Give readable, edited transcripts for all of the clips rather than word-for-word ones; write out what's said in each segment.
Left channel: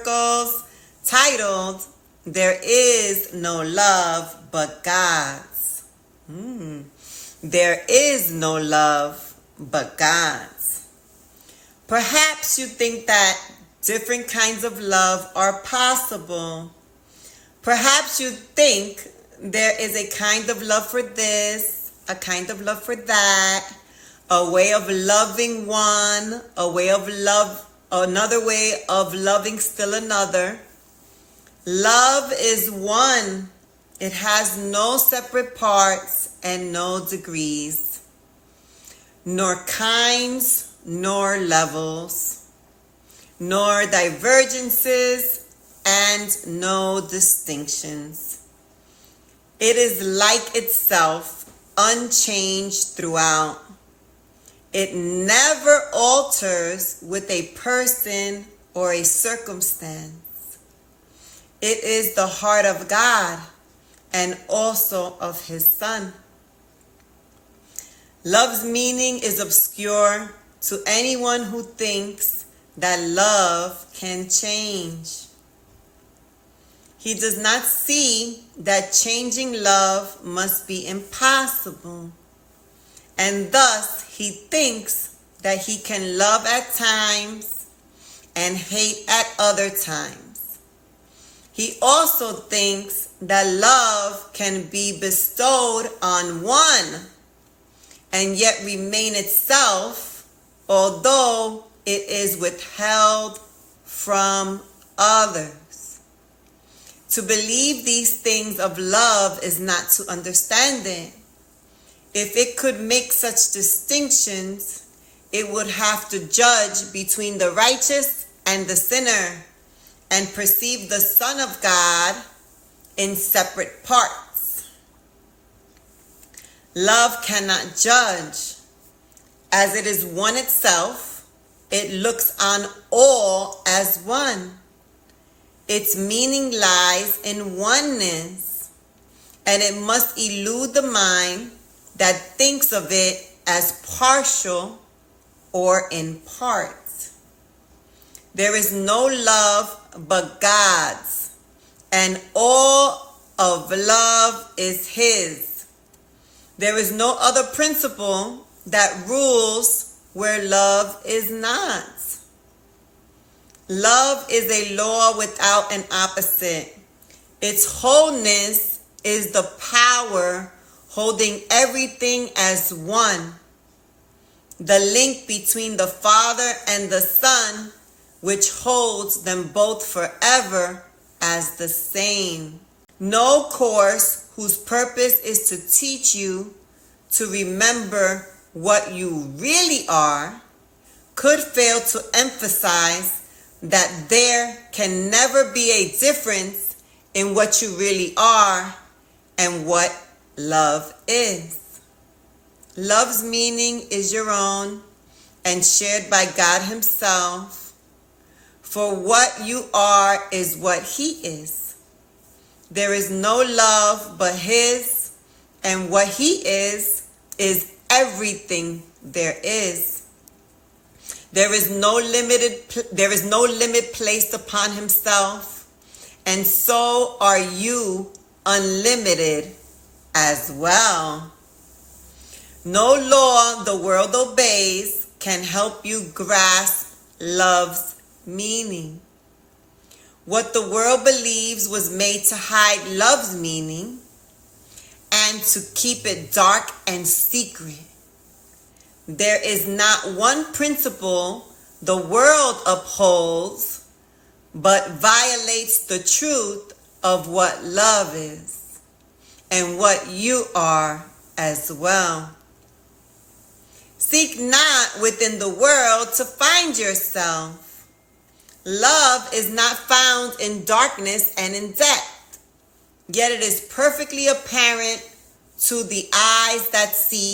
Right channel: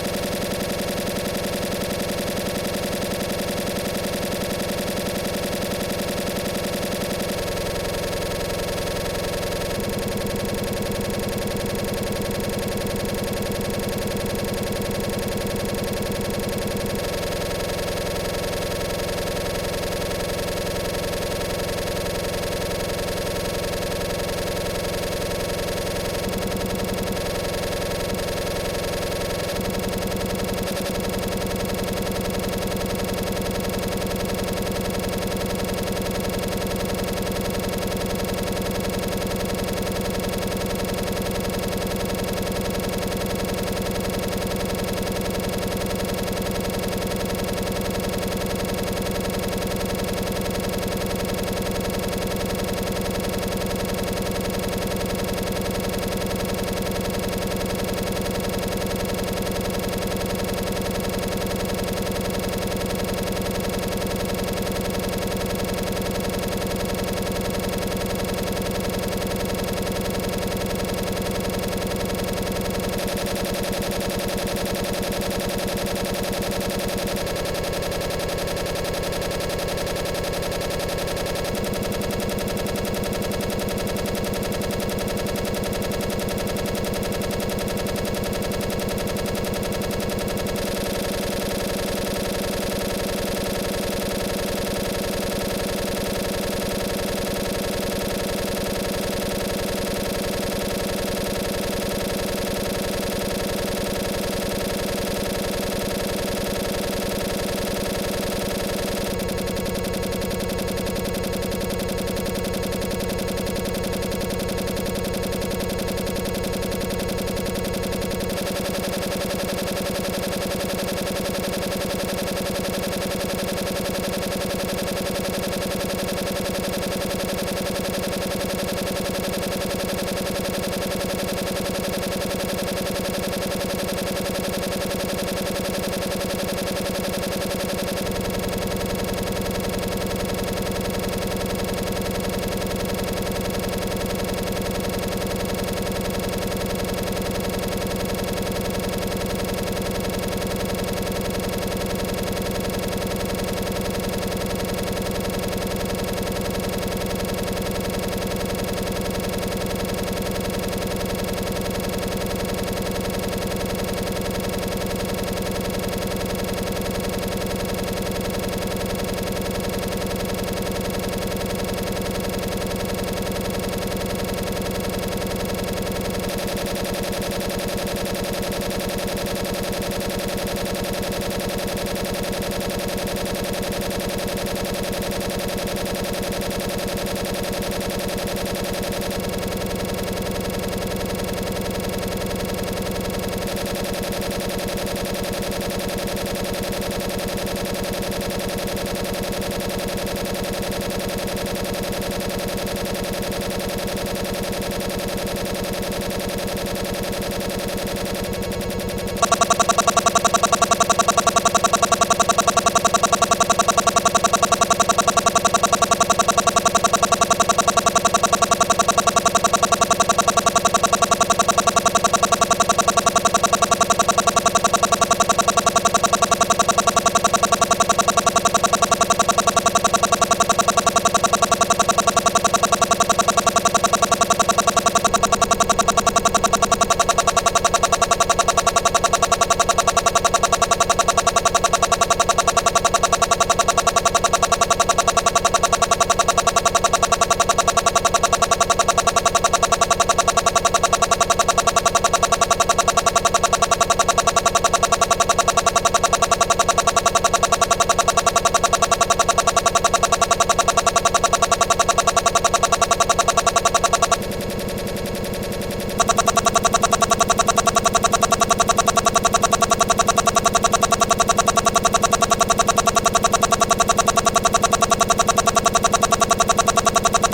Circles, titled, There Is No Love But God's. There is no love but God's. Perhaps you think that different kinds of love are possible. Perhaps you think there is a kind of love for this, a kind of love for that, a way of loving one, a way of love, another way of loving still another. Love is one. It has no separate parts and no degrees, nor kinds, nor levels, nor divergences, and no distinctions. It is like itself, unchanged throughout. It never alters with a person or a circumstance. It is the heart of God and also of His Son. Love's meaning is obscure to anyone who thinks that love can change. He does not see that changing love must be impossible, and thus he thinks that he can love at times and hate at other times. He also thinks that love can be bestowed on one and yet remain itself, although it is withheld from others. To believe these things of love is not to understand it. If it could make such distinctions, it would have to judge between the righteous and the sinner and perceive the Son of God in separate parts. Love cannot judge. As it is one itself, it looks on all as one. Its meaning lies in oneness, and it must elude the mind that thinks of it as partial or in parts. There is no love but God's, and all of love is His. There is no other principle that rules where love is not. Love is a law without an opposite. Its wholeness is the power holding everything as one. The link between the Father and the Son, which holds them both forever as the same. No course whose purpose is to teach you to remember what you really are could fail to emphasize that there can never be a difference in what you really are and what love is. Love's meaning is your own and shared by God Himself. For what you are is what He is. There is no love but His, and what He is everything there is. There is no limit placed upon Himself, and so are you unlimited as well. No law the world obeys can help you grasp love's meaning. What the world believes was made to hide love's meaning and to keep it dark and secret. There is not one principle the world upholds but violates the truth of what love is and what you are as well. Seek not within the world to find yourself. Love is not found in darkness and in death, yet it is perfectly apparent to the eyes that see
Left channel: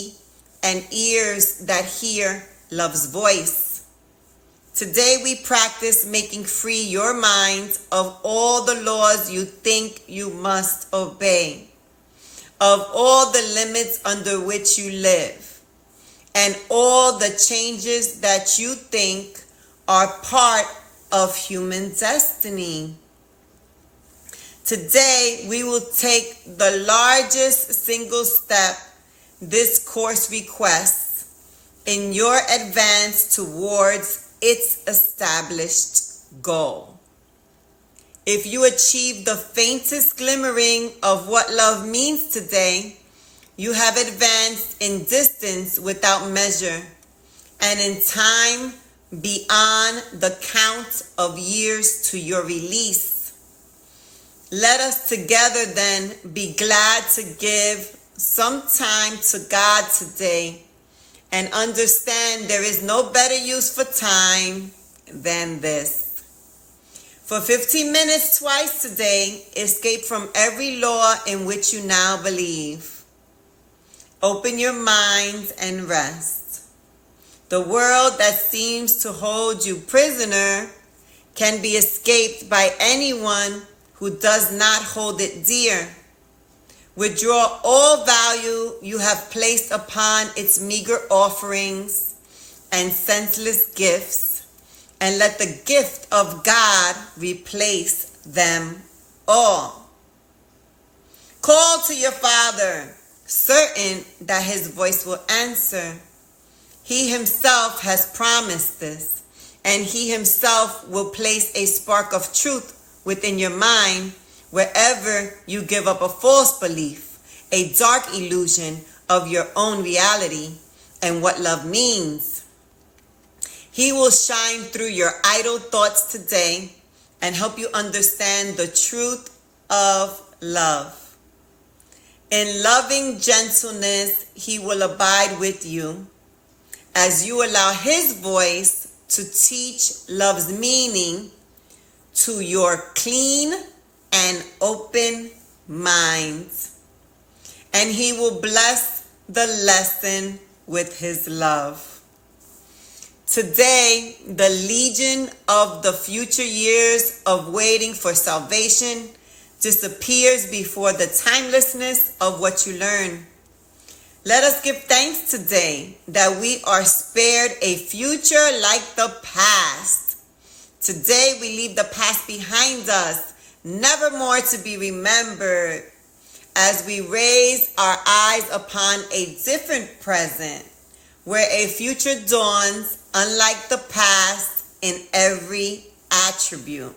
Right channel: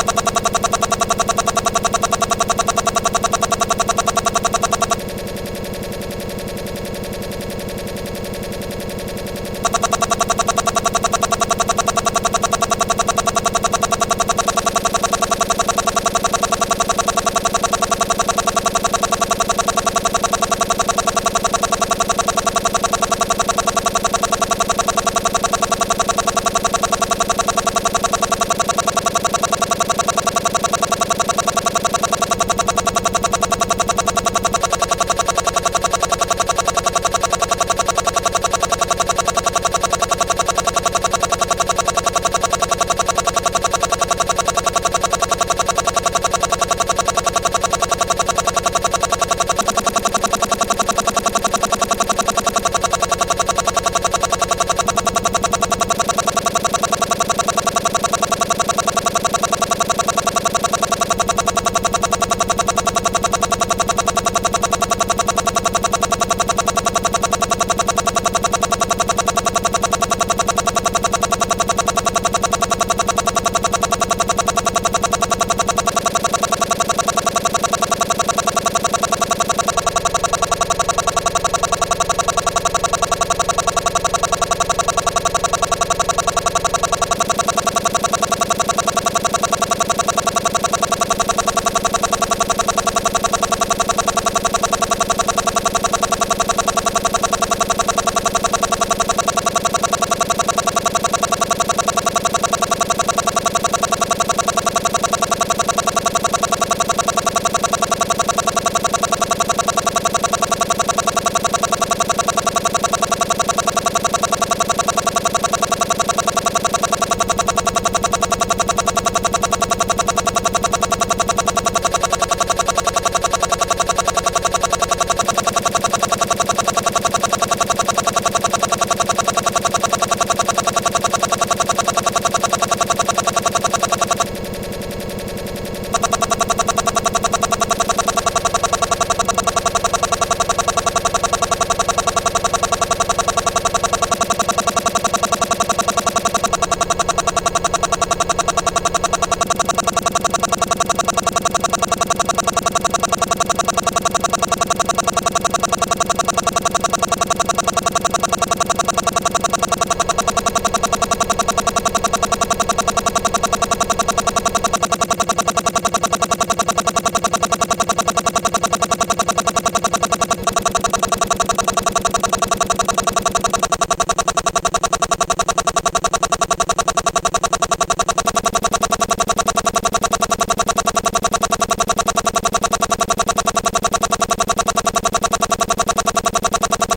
and ears that hear love's voice. Today we practice making free your mind of all the laws you think you must obey, of all the limits under which you live, and all the changes that you think are part of human destiny. by anyone who does not hold it dear. Withdraw all value you have placed upon its meager offerings and senseless gifts, and let the gift of God replace them all. Call to your Father, certain that his voice will answer. He himself has promised this, and he himself will place a spark of truth within your mind wherever you give up a false belief, a dark illusion of your own reality and what love means. He will shine through your idle thoughts today and help you understand the truth of love. In loving gentleness, he will abide with you as you allow his voice to teach love's meaning to your clean and open mind. And he will bless the lesson with his love. Today, the legion of the future years of waiting for salvation disappears before the timelessness of what you learned. Let us give thanks today that we are spared a future like the past. Today we leave the past behind us, never more to be remembered, as we raise our eyes upon a different present, where a future dawns unlike the past in every attribute.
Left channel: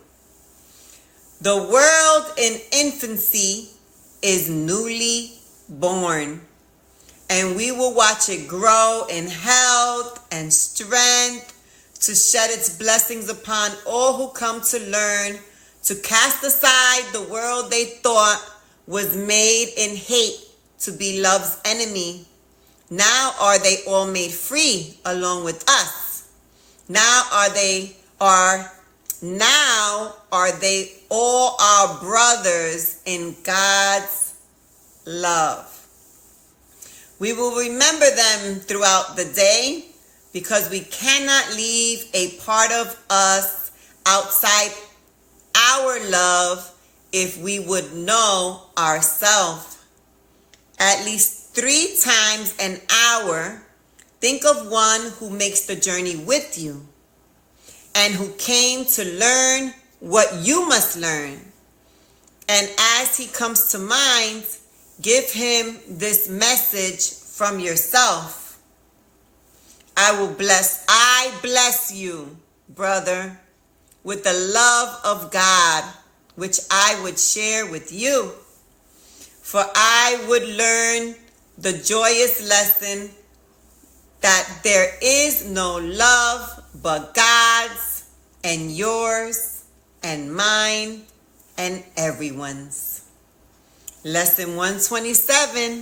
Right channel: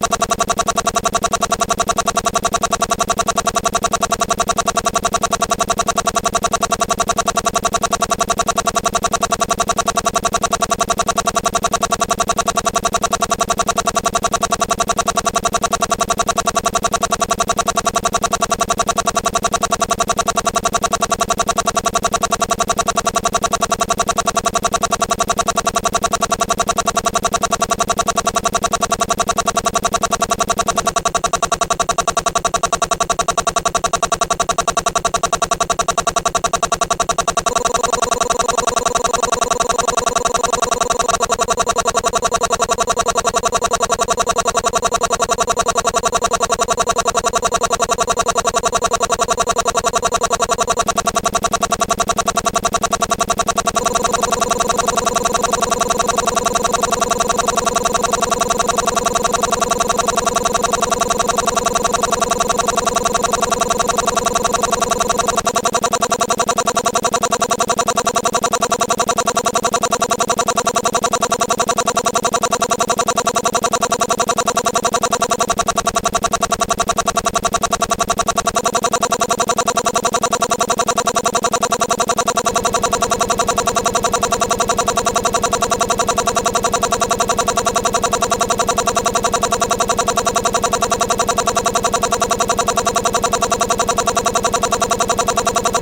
The world in infancy is newly born, and we will watch it grow in health and strength to shed its blessings upon all who come to learn, to cast aside the world they thought was made in hate to be love's enemy. Now are they all made free along with us? Now are they all our brothers in God's love? We will remember them throughout the day because we cannot leave a part of us outside our love if we would know ourselves. At least 3 times an hour, think of one who makes the journey with you and who came to learn what you must learn. And as he comes to mind, give him this message from yourself. I bless you, brother, with the love of God, which I would share with you. For I would learn the joyous lesson that there is no love but God's and yours and mine and everyone's. Lesson 127,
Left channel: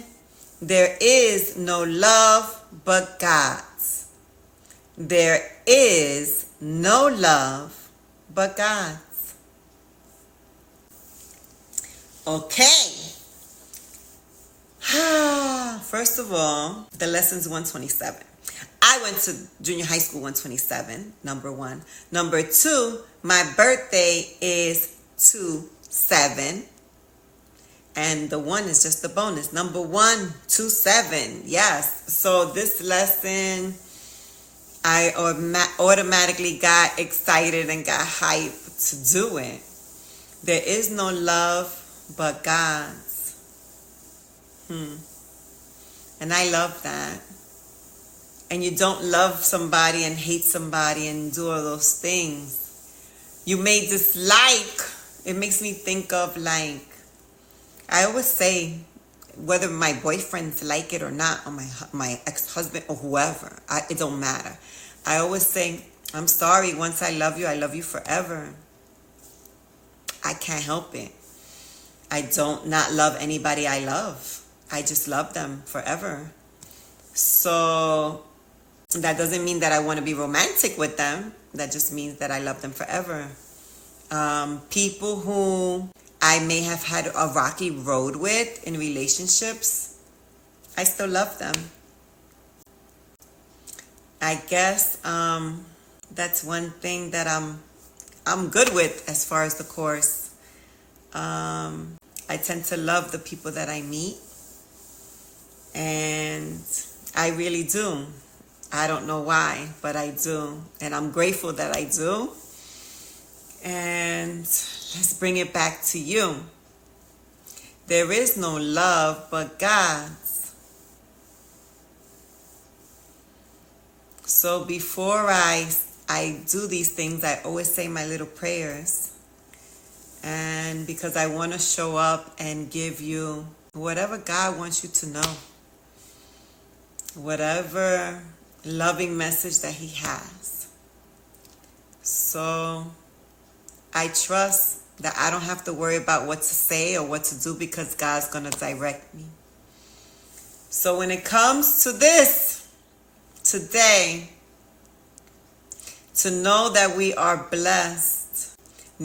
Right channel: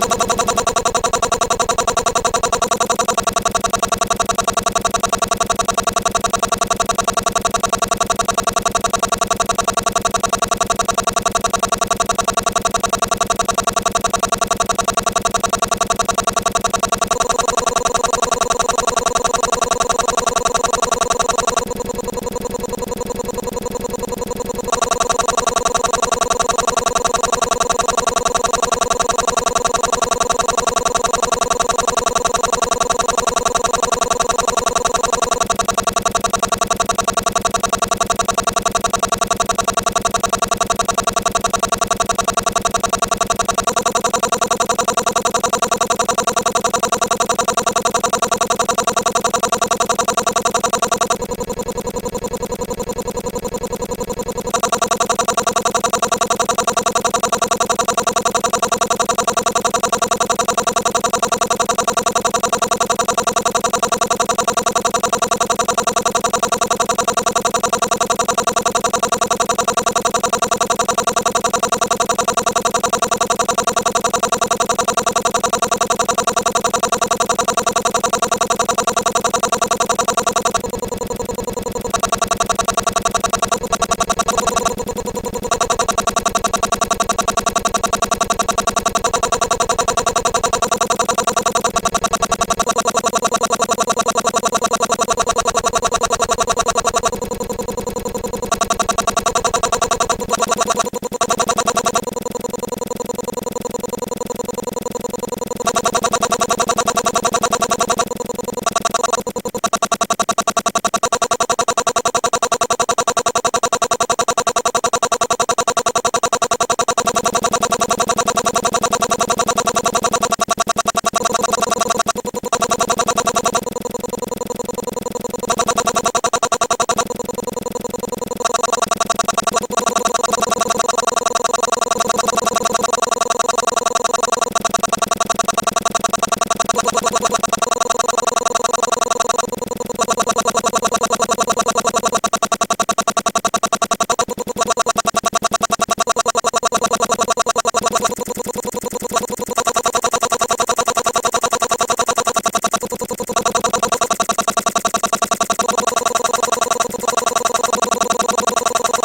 there is no love but God's. There is no love but God's. Okay. First of all, the lessons 127. I went to junior high school 127, number 1. Number 2, my birthday is 2/7. And the 1 is just a bonus. Number 1, 2/7. Yes. So this lesson, I automatically got excited and got hyped to do it. There is no love but God. And I love that. And you don't love somebody and hate somebody and do all those things. You may dislike. It makes me think of, like, I always say, whether my boyfriends like it or not, or my ex-husband or whoever, it don't matter. I always say, I'm sorry, once I love you forever. I can't help it. I don't not love anybody I love. I just love them forever. So that doesn't mean that I want to be romantic with them. That just means that I love them forever. People who I may have had a rocky road with in relationships, I still love them. I guess that's one thing that I'm good with as far as the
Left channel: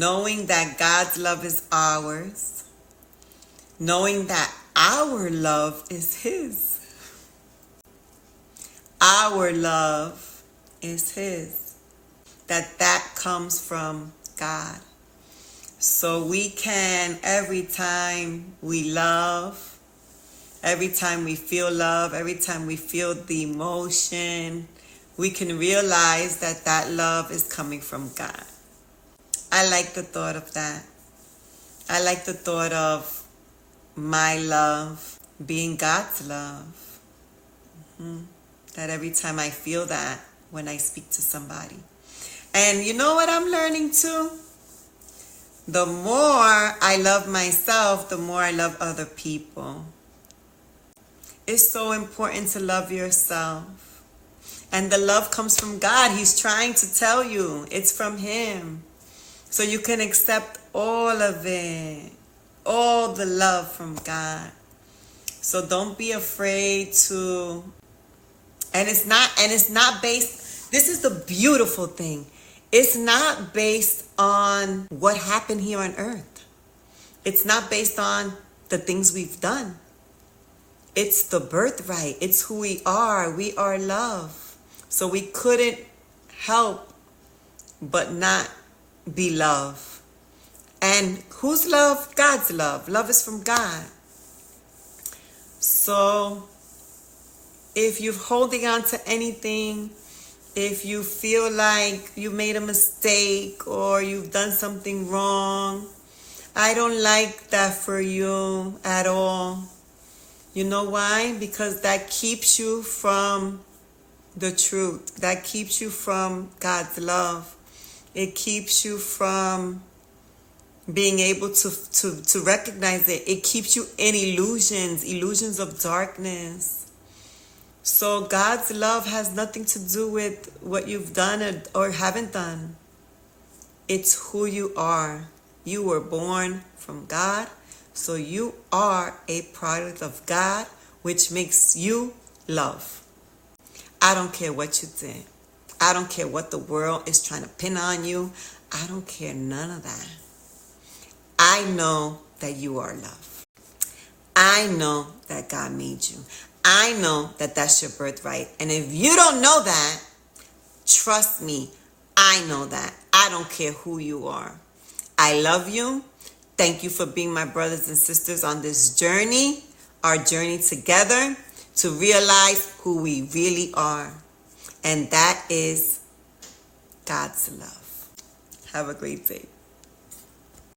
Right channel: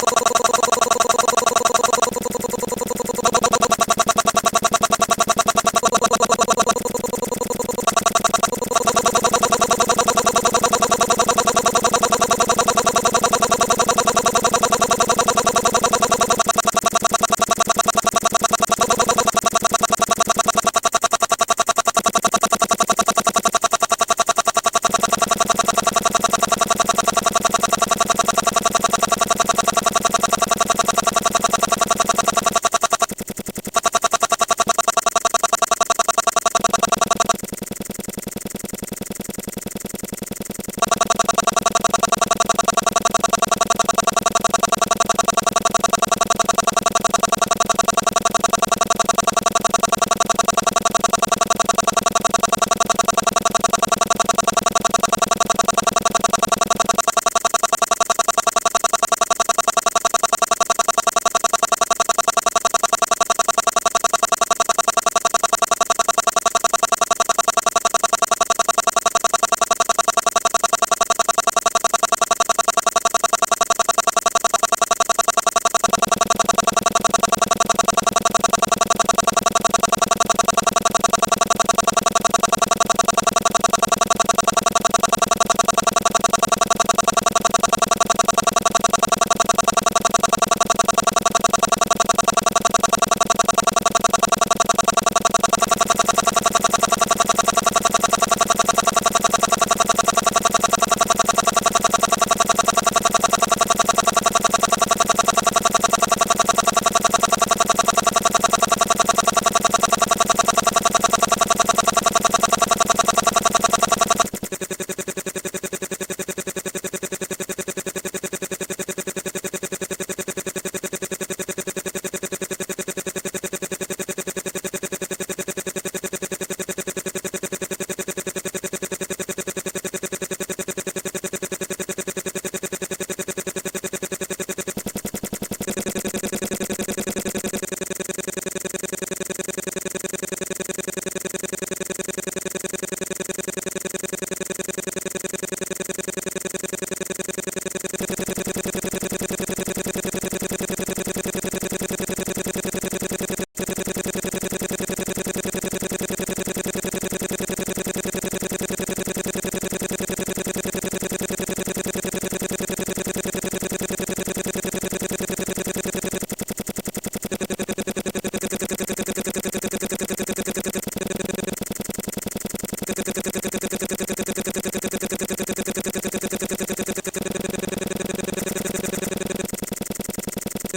knowing that God's love is ours, knowing that our love is His. Our love is His. That comes from God. So we can, every time we love, every time we feel love, every time we feel the emotion, we can realize that that love is coming from God. I like the thought of that. I like the thought of my love being God's love. That every time I feel that when I speak to somebody. And you know what I'm learning too? The more I love myself, the more I love other people. It's so important to love yourself. And the love comes from God. He's trying to tell you it's from Him. So you can accept all of it. All the love from God. So don't be afraid to, and it's not based, this is the beautiful thing. It's not based on what happened here on earth. It's not based on the things we've done. It's the birthright. It's who we are. We are love. So we couldn't help but not be love. And whose love? God's love. Love is from God. So if you're holding on to anything, if you feel like you made a mistake or you've done something wrong, I don't like that for you at all. You know why? Because that keeps you from the truth. That keeps you from God's love. It keeps you from being able to recognize it. It keeps you in illusions of darkness. So God's love has nothing to do with what you've done or haven't done. It's who you are. You were born from God, so you are a product of God, which makes you love. I don't care what you think. I don't care what the world is trying to pin on you. I don't care none of that. I know that you are loved. I know that God made you. I know that that's your birthright. And if you don't know that, trust me, I know that. I don't care who you are. I love you. Thank you for being my brothers and sisters on this journey, our journey together to realize who we really are. And that is